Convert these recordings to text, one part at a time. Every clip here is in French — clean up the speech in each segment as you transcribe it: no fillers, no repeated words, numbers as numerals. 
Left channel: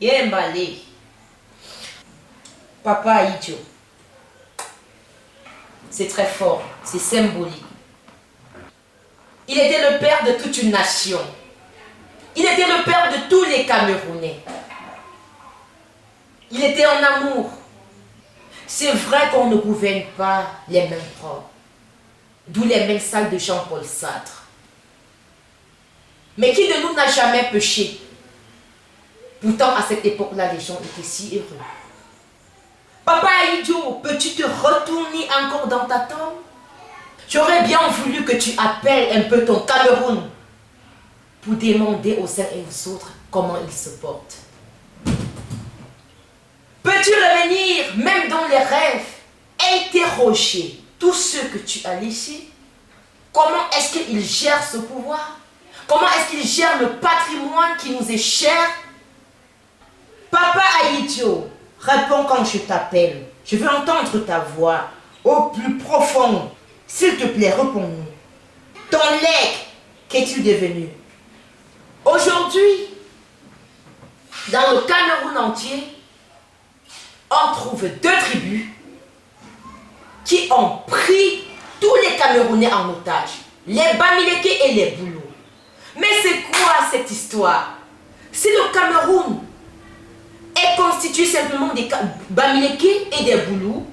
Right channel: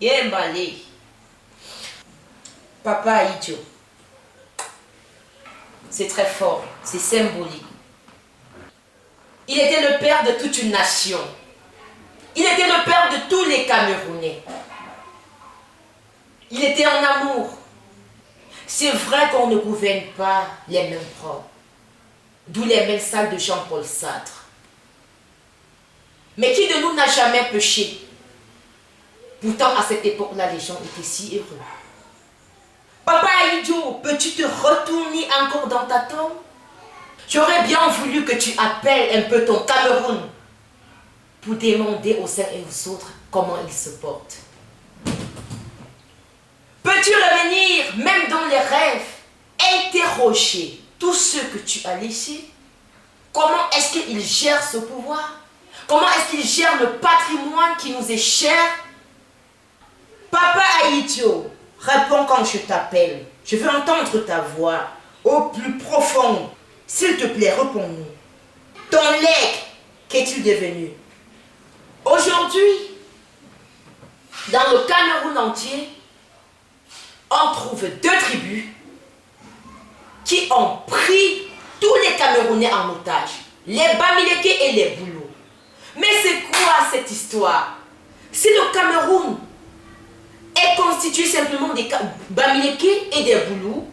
Yembale. Papa idiot. C'est très fort, c'est symbolique. Il était le père de toute une nation. Il était le père de tous les Camerounais. Il était en amour. C'est vrai qu'on ne gouverne pas les mains propres. D'où les mains sales de Jean-Paul Sartre. Mais qui de nous n'a jamais péché? Pourtant, à cette époque-là, les gens étaient si heureux. Papa idiot, peux-tu te retourner encore dans ta tombe? J'aurais bien voulu que tu appelles un peu ton Cameroun pour demander aux uns et aux autres comment ils se portent. Peux-tu revenir, même dans les rêves, interroger tous ceux que tu as laissés? Comment est-ce qu'ils gèrent ce pouvoir? Comment est-ce qu'ils gèrent le patrimoine qui nous est cher? Papa idiot, réponds quand je t'appelle. Je veux entendre ta voix au plus profond. S'il te plaît, réponds-nous. Ton legs, qu'est-il devenu? Aujourd'hui, dans le Cameroun entier, on trouve deux tribus qui ont pris tous les Camerounais en otage. Les Bamileke et les Boulous. Mais c'est quoi cette histoire? Si le Cameroun est constitué simplement des Bamileke et des Boulous,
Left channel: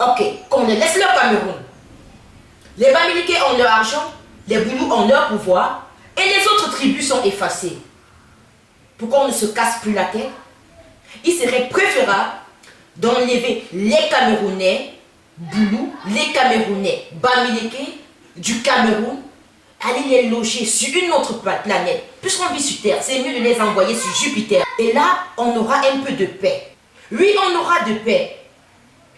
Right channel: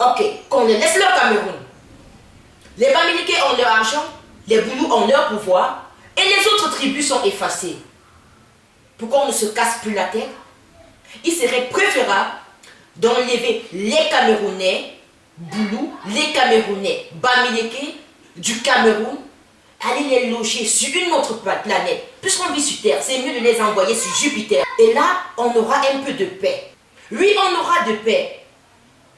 ok, qu'on les laisse leur Cameroun. Les Bamileke ont leur argent, les Boulous ont leur pouvoir, et les autres tribus sont effacées. Pour qu'on ne se casse plus la tête, il serait préférable d'enlever les Camerounais Boulous, les Camerounais Bamileke du Cameroun, aller les loger sur une autre planète. Puisqu'on vit sur Terre, c'est mieux de les envoyer sur Jupiter. Et là, on aura un peu de paix. Oui, on aura de paix.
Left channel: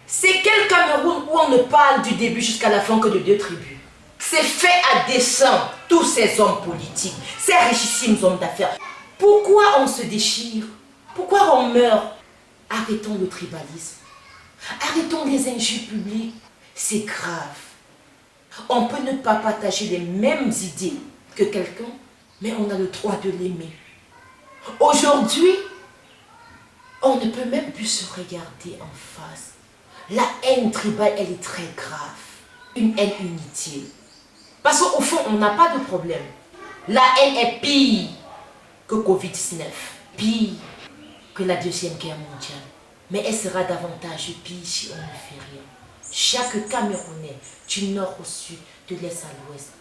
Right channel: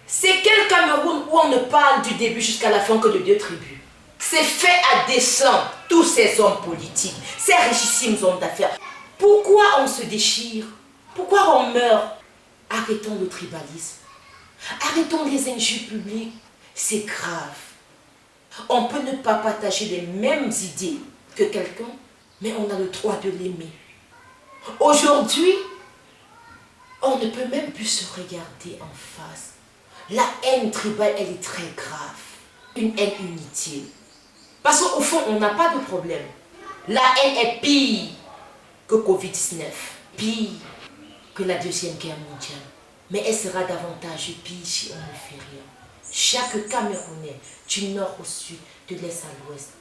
C'est quel Cameroun où on ne parle du début jusqu'à la fin que de deux tribus? C'est fait à dessein, tous ces hommes politiques, ces richissimes hommes d'affaires. Pourquoi on se déchire? Pourquoi on meurt? Arrêtons le tribalisme. Arrêtons les injures publiques. C'est grave. On peut ne pas partager les mêmes idées que quelqu'un, mais on a le droit de l'aimer. Aujourd'hui, on ne peut même plus se regarder en face. La haine tribale, elle est très grave. Une haine inutile. Parce qu'au fond, on n'a pas de problème. La haine est pire que Covid-19. Pire que la Deuxième Guerre mondiale. Mais elle sera davantage pire si on ne fait rien. Chaque Camerounais, du nord au sud, de l'est à l'ouest,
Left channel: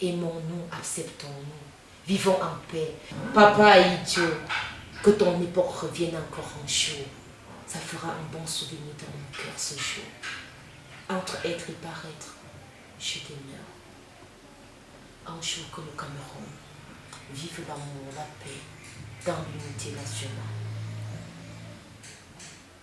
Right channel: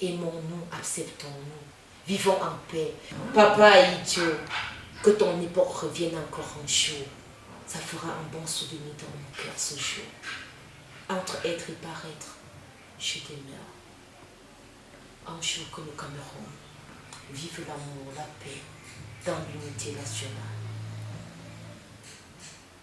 aimons-nous, acceptons-nous, vivons en paix. Papa idiot, que ton époque revienne encore un jour. Ça fera un bon souvenir dans mon cœur ce jour. Entre être et paraître, je demeure. Un jour que le Cameroun vive l'amour, la paix, dans l'unité nationale.